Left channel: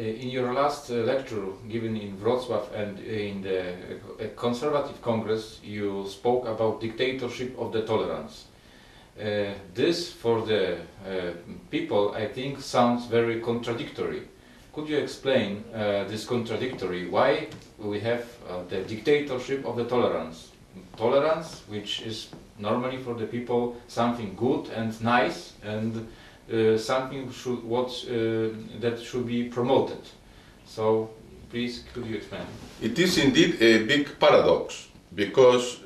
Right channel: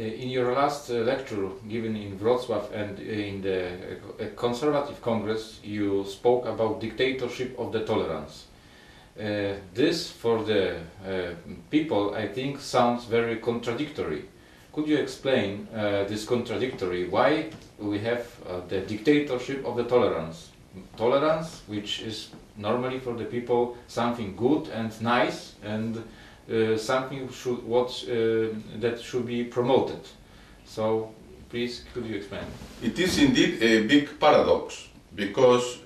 In your last lecture given in Wrocław and in the Conservative Congress, you spoke about dictatorship of the tolerance. This, for the people, I think, sounds very contradictory. Could you explain this contradictory? Why we have the dictatorship of the tolerance? Tolerance, which is normally for the people something good and nice, and something that should be promoted. So, please, could you explain? It is indeed a big paradox, because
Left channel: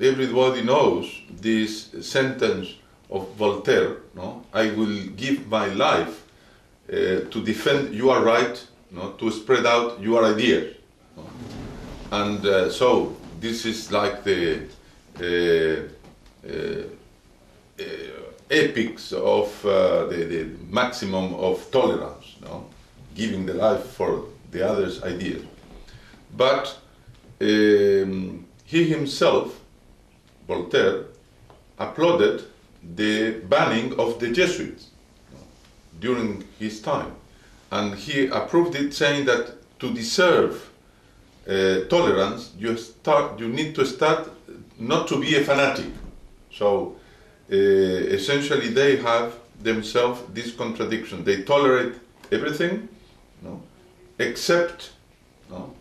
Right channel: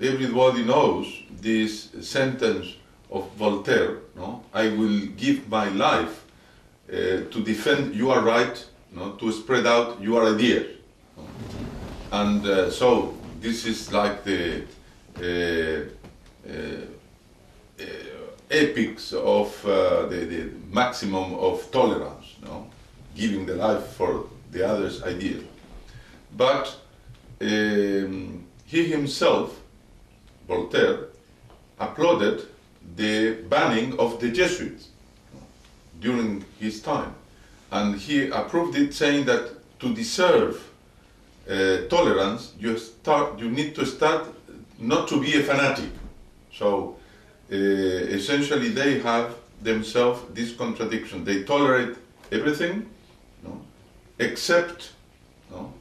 everybody knows this sentence of Voltaire, no? I will give my life to defend your right, no? To spread out your ideas. No? And so this is like the epics of the maximum of tolerance, no? Giving the life for the other's ideas. But he himself, Voltaire, applauded the banning of the Jesuits during his time, and he approved it, saying that to deserve tolerance, you need to start not to be a fanatic. So essentially they have themselves this contradiction. They tolerate everything, no, except, no,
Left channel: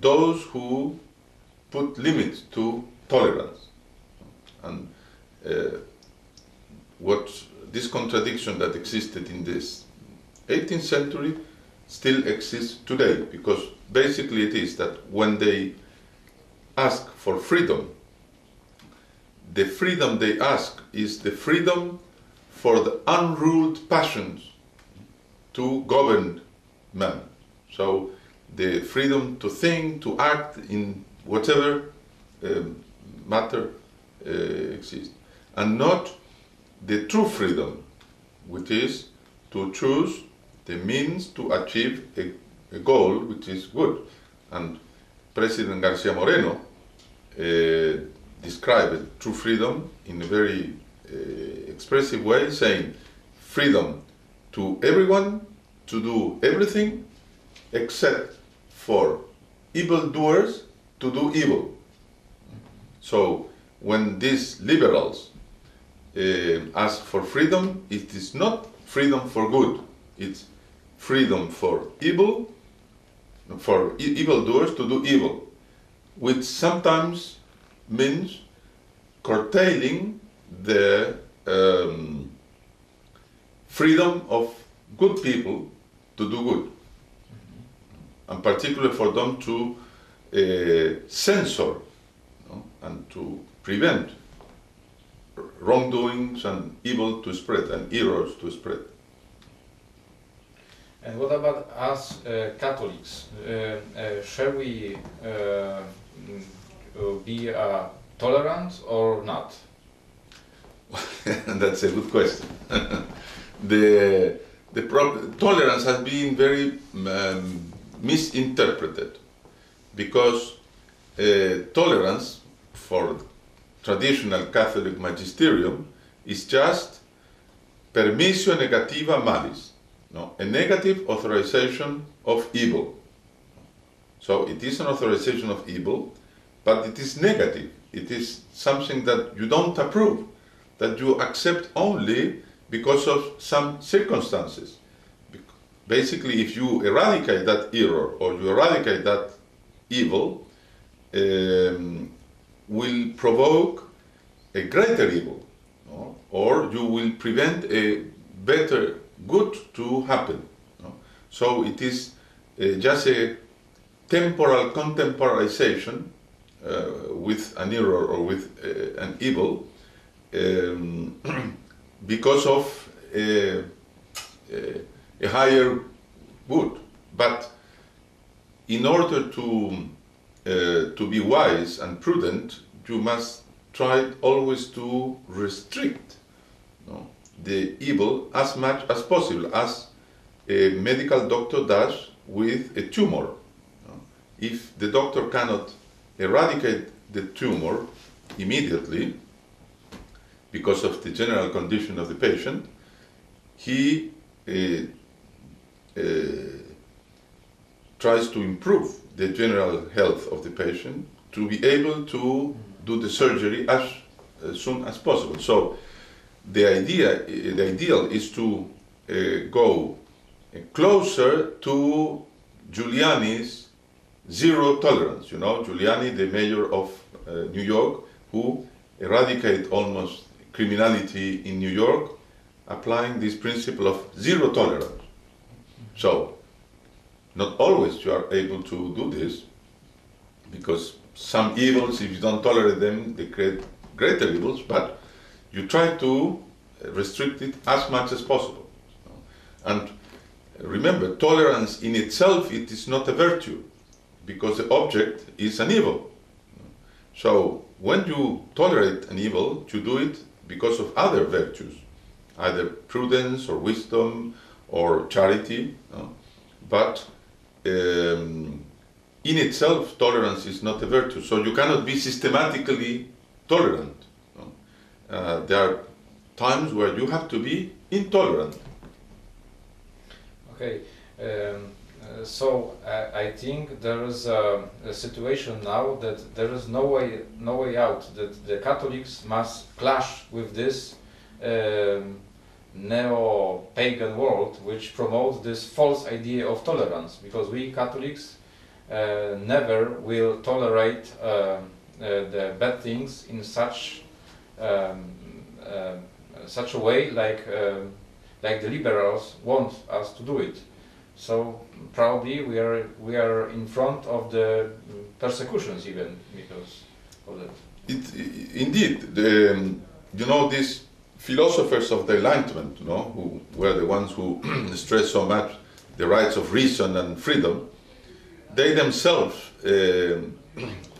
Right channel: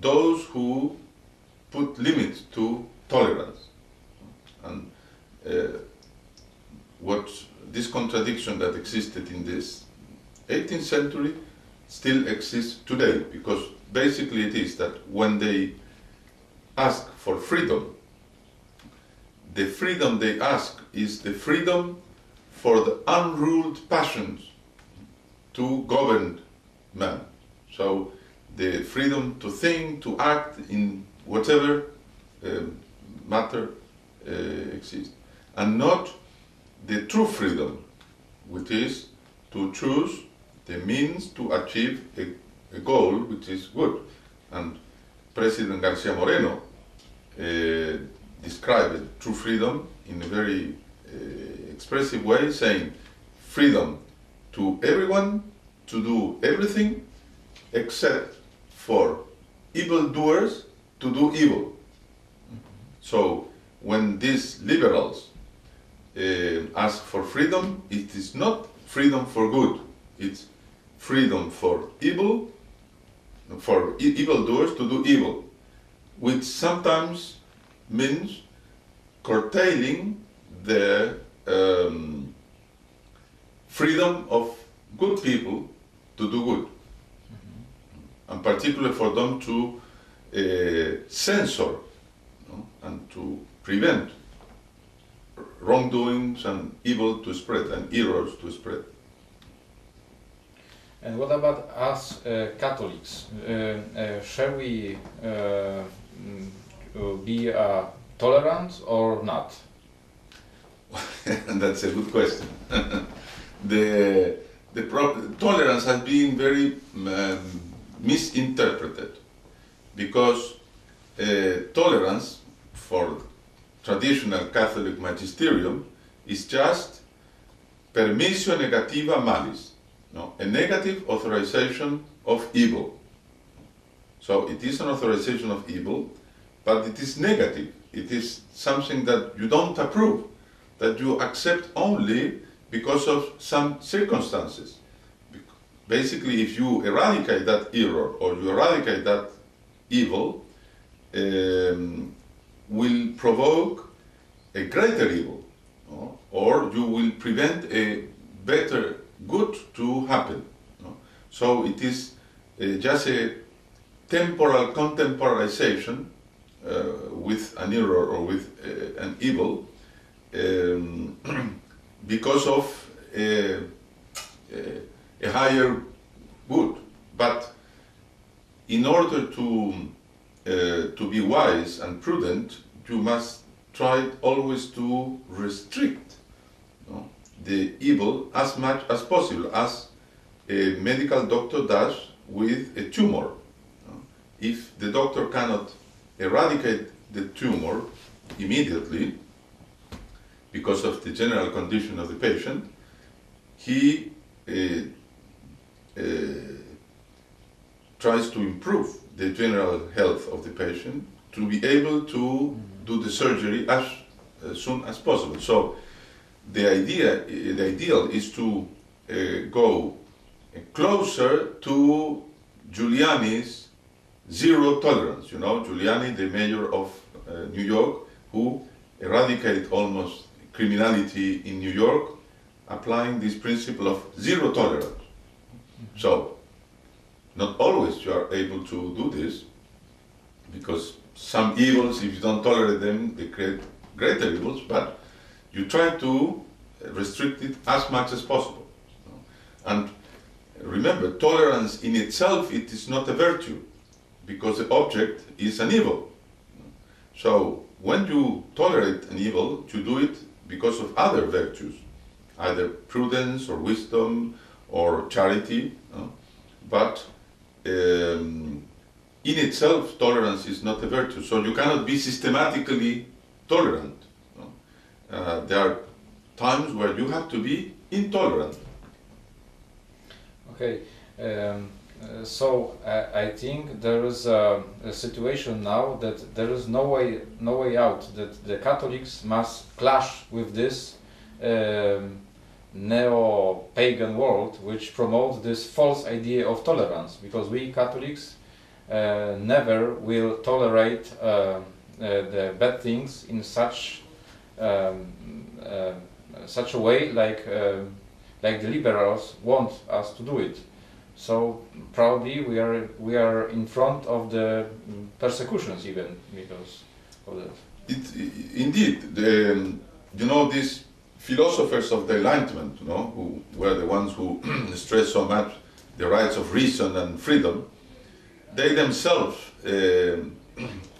those who put limits to tolerance. And what this contradiction that existed in this 18th century still exists today, because basically it is that when they ask for freedom, the freedom they ask is the freedom for the unruled passions to govern man. So the freedom to think, to act in whatever matter exists, and not the true freedom, which is to choose the means to achieve a goal which is good. And President Garcia Moreno described true freedom in a very expressive way, saying freedom to everyone to do everything except for evildoers to do evil. So when these liberals ask for freedom, it is not freedom for good, it's freedom for evil, for evildoers to do evil, which sometimes means curtailing the freedom of good people to do good, and particularly for them to censor, no, and to prevent wrongdoings and evil to spread and errors to spread. And what about us Catholics? Shall we be tolerant or not? That's a good question. Tolerance has been very misinterpreted, because tolerance for traditional Catholic magisterium is just permissio negativa malis, no? A negative authorization of evil. So it is an authorization of evil, but it is negative. It is something that you don't approve, that you accept only because of some circumstances. Basically, if you eradicate that error or you eradicate that evil, will provoke a greater evil, no? Or you will prevent a better good to happen. No? So it is just a temporal contemporization with an error or with an evil because of a higher good. But in order to be wise and prudent, you must try always to restrict, no, the evil as much as possible, as a medical doctor does with a tumor. No? If the doctor cannot eradicate the tumor immediately because of the general condition of the patient, he tries to improve the general health of the patient to be able to do the surgery as soon as possible. So the ideal is to go closer to Giuliani's zero tolerance. You know, Giuliani, the mayor of New York, who eradicated almost criminality in New York, applying this principle of zero tolerance. So, not always you are able to do this, because some evils, if you don't tolerate them, they create greater evils, but you try to restrict it as much as possible. And remember, tolerance in itself, it is not a virtue, because the object is an evil. So when you tolerate an evil, you do it because of other virtues, either prudence or wisdom or charity, but in itself, tolerance is not a virtue. So you cannot be systematically tolerant. There are times where you have to be intolerant. Okay, so I think there is a situation now that there is no way out, that the Catholics must clash with this neo-pagan world which promotes this false idea of tolerance, because we Catholics never will tolerate the bad things in such a way like the liberals want us to do it. So probably we are in front of the persecutions even because of that. Indeed, you know, these philosophers of the Enlightenment, you know, who were the ones who stressed so much the rights of reason and freedom, they themselves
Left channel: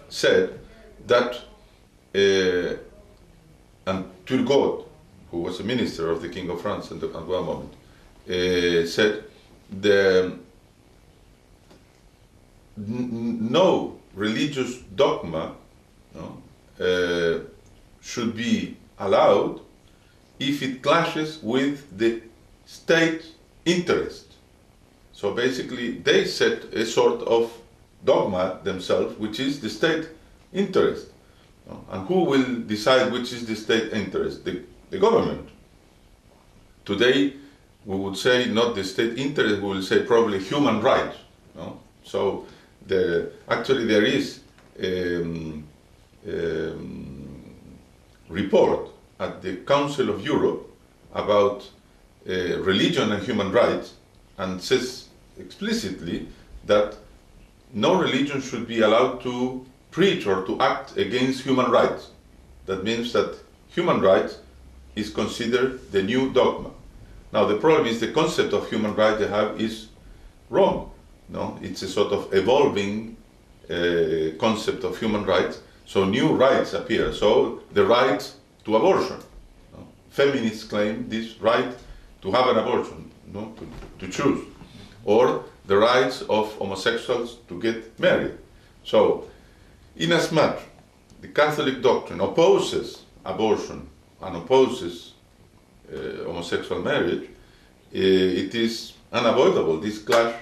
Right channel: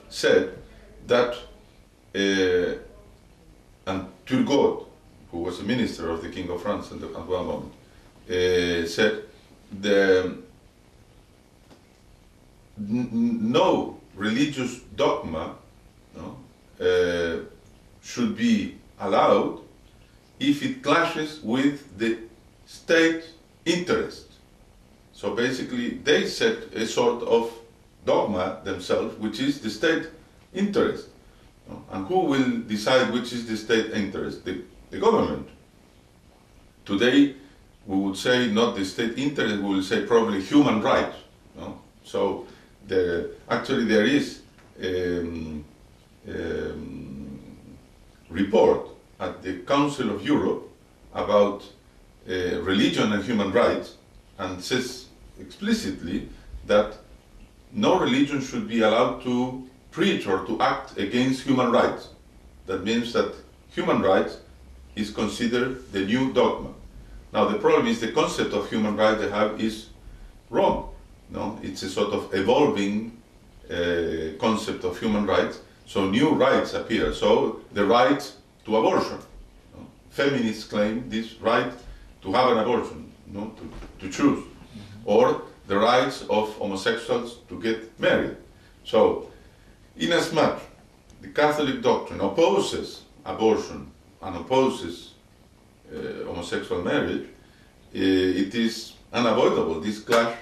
said that, and Turgot, who was a minister of the King of France at one moment, said no religious dogma should be allowed if it clashes with the state interest. So basically they set a sort of dogma themselves, which is the state interest. And who will decide which is the state interest? The government. Today we would say not the state interest, we will say probably human rights. So actually there is report at the Council of Europe about religion and human rights, and says explicitly that no religion should be allowed to preach or to act against human rights. That means that human rights is considered the new dogma. Now the problem is the concept of human rights they have is wrong. No, it's a sort of evolving concept of human rights. So new rights appear. So the right to abortion. Feminists claim this right to have an abortion, to choose, or the rights of homosexuals to get married. So, inasmuch the Catholic doctrine opposes abortion and opposes homosexual marriage, it is unavoidable, this clash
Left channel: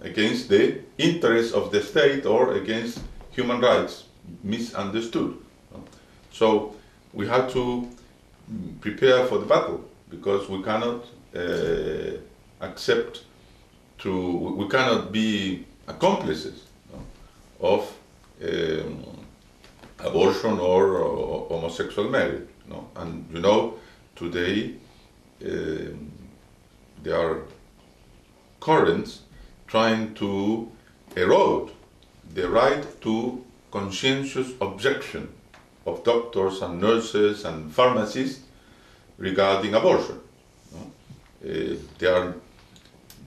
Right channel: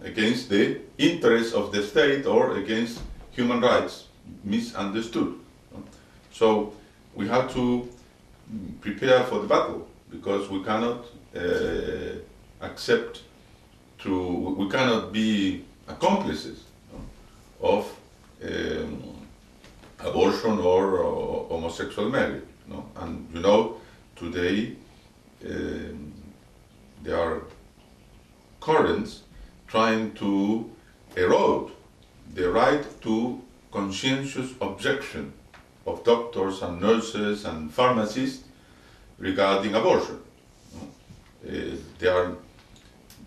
against the interests of the state or against human rights, misunderstood. So we have to prepare for the battle, because we cannot we cannot be accomplices of abortion or homosexual marriage. And you know, today there are currents trying to erode the right to conscientious objection of doctors and nurses and pharmacists regarding abortion. There are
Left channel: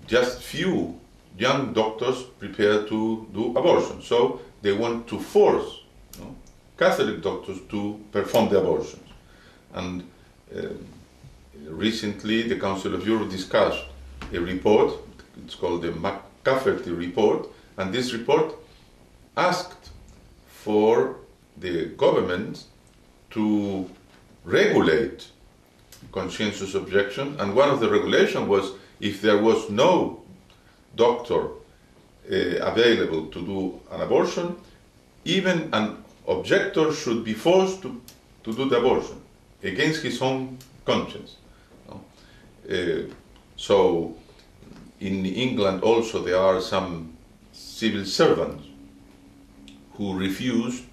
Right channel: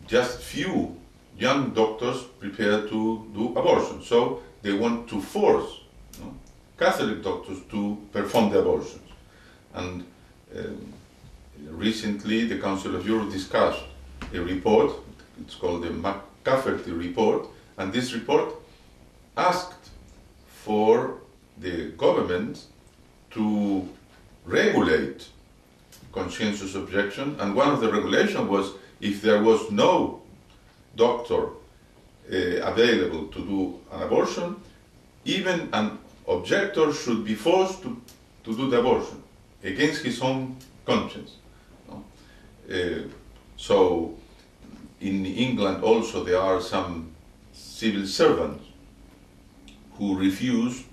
just few young doctors prepared to do abortion, so they want to force Catholic doctors to perform the abortions. And recently the Council of Europe discussed a report, it's called the McCafferty report, and this report asked for the government to regulate conscientious objection, and one of the regulations was if there was no doctor available to do an abortion, even an objector should be forced to do the abortion against his own conscience. No? So in England also there are some civil servants who refuse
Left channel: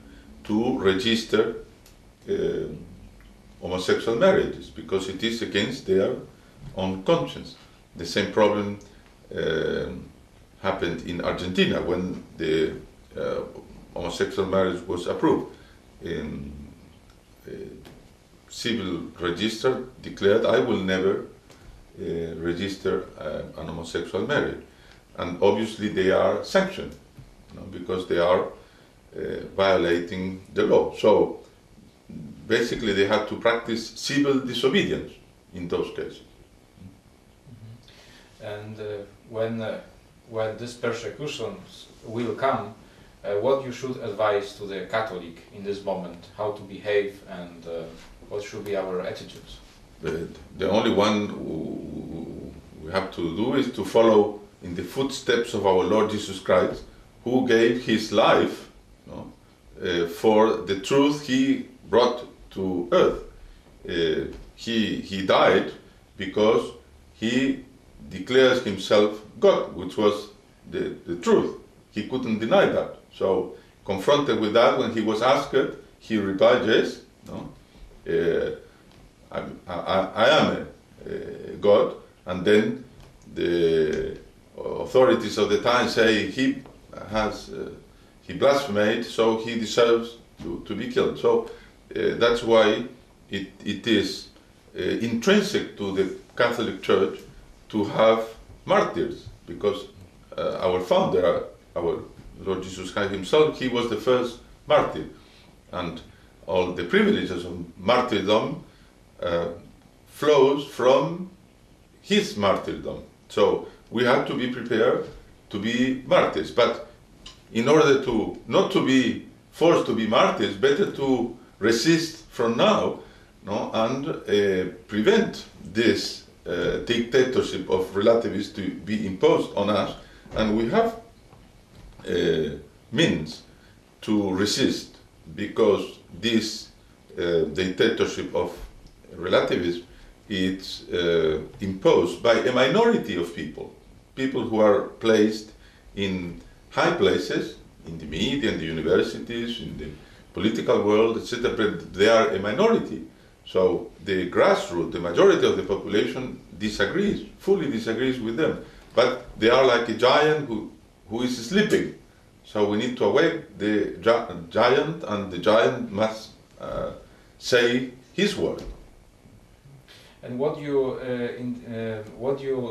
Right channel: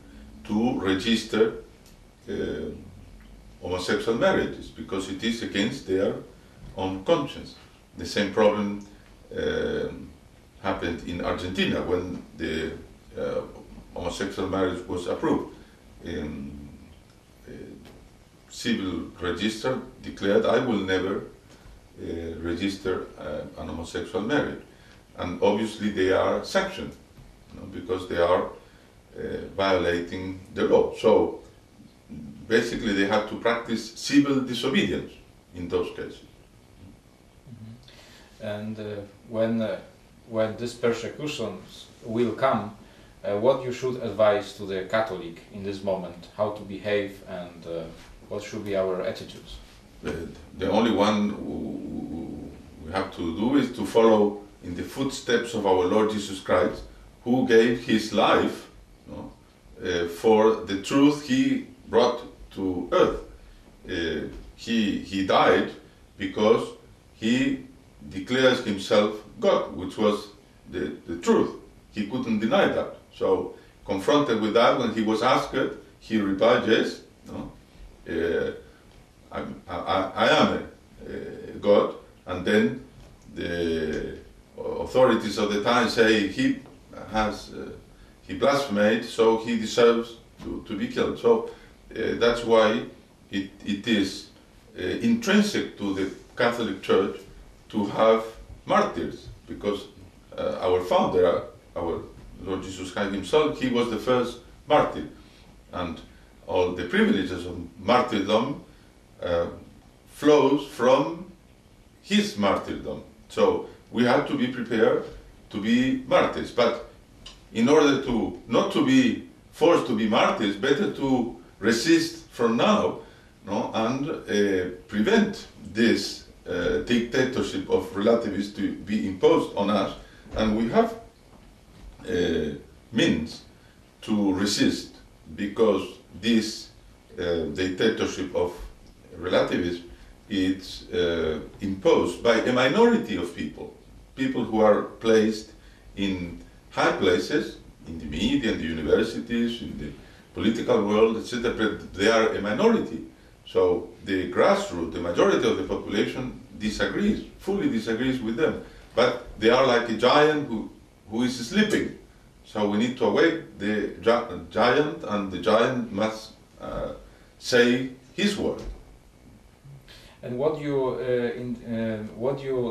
to register homosexual marriages because it is against their own conscience. The same problem happened in Argentina when the homosexual marriage was approved. Civil register declared, I will never register an homosexual marriage. And obviously they are sanctioned, because they are violating the law. So basically they have to practice civil disobedience in those cases. And when this persecution will come, what you should advise to the Catholic in this moment, how to behave and what should be our attitudes? The only one we have to do is to follow in the footsteps of our Lord Jesus Christ, who gave his life for the truth he brought to earth. He died because he declares himself God, which was the truth. He couldn't deny that. So, confronted with that, when he was asked, he replied, yes, I am a God. And then the authorities of the time say he blasphemed, so he deserves to be killed. So that's why it is intrinsic to the Catholic Church to have martyrs, because our founder, our Lord Jesus Christ himself, he was the first martyr, and all the privileges of martyrdom flows from his martyrdom. So we have to be prepared to be martyrs. But in order to not to be forced to be martyrs, better to resist from now, and prevent this dictatorship of relativists to be imposed on us. And we have means to resist, because this dictatorship of relativism is imposed by a minority of people who are placed in high places, in the media, in the universities, in the political world, etc. But they are a minority. So the grassroots, the majority of the population fully disagrees with them. But they are like a giant who is sleeping. So we need to awake the giant, and the giant must say his word. And what you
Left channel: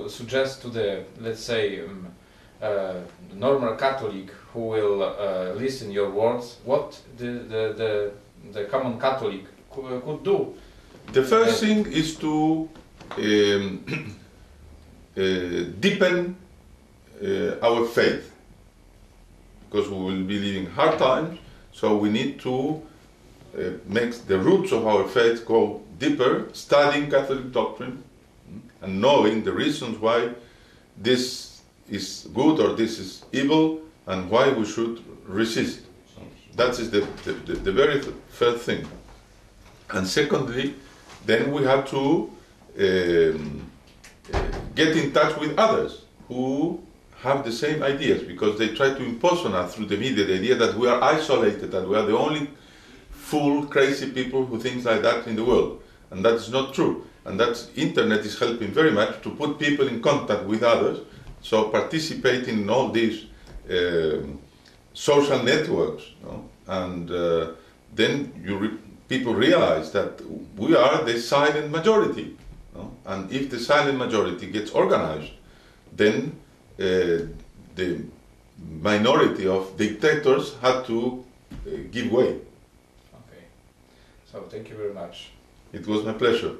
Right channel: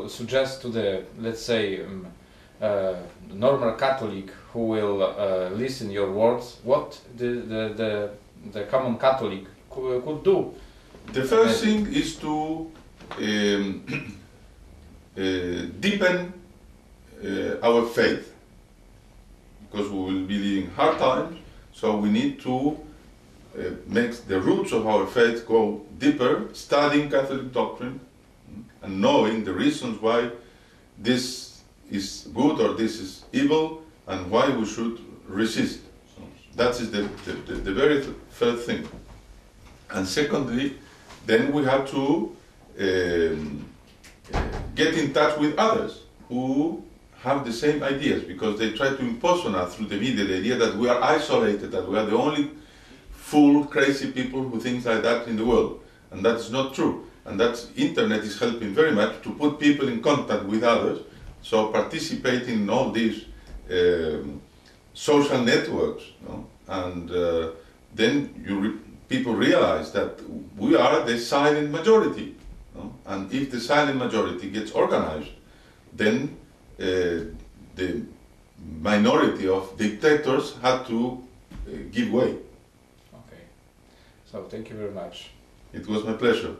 suggest to the, let's say, normal Catholic who will listen your words? What the common Catholic could do? The first thing is to deepen our faith, because we will be living hard times. So we need to make the roots of our faith go deeper, studying Catholic doctrine and knowing the reasons why this is good or this is evil, and why we should resist. So that is the very first thing. And secondly, then we have to get in touch with others who have the same ideas, because they try to impose on us through the media the idea that we are isolated, that we are the only fool, crazy people who think like that in the world. And that is not true. And that internet is helping very much to put people in contact with others. So participating in all these social networks, and then people realize that we are the silent majority. And if the silent majority gets organized, then the minority of dictators had to give way. Okay. So thank you very much. It was my pleasure.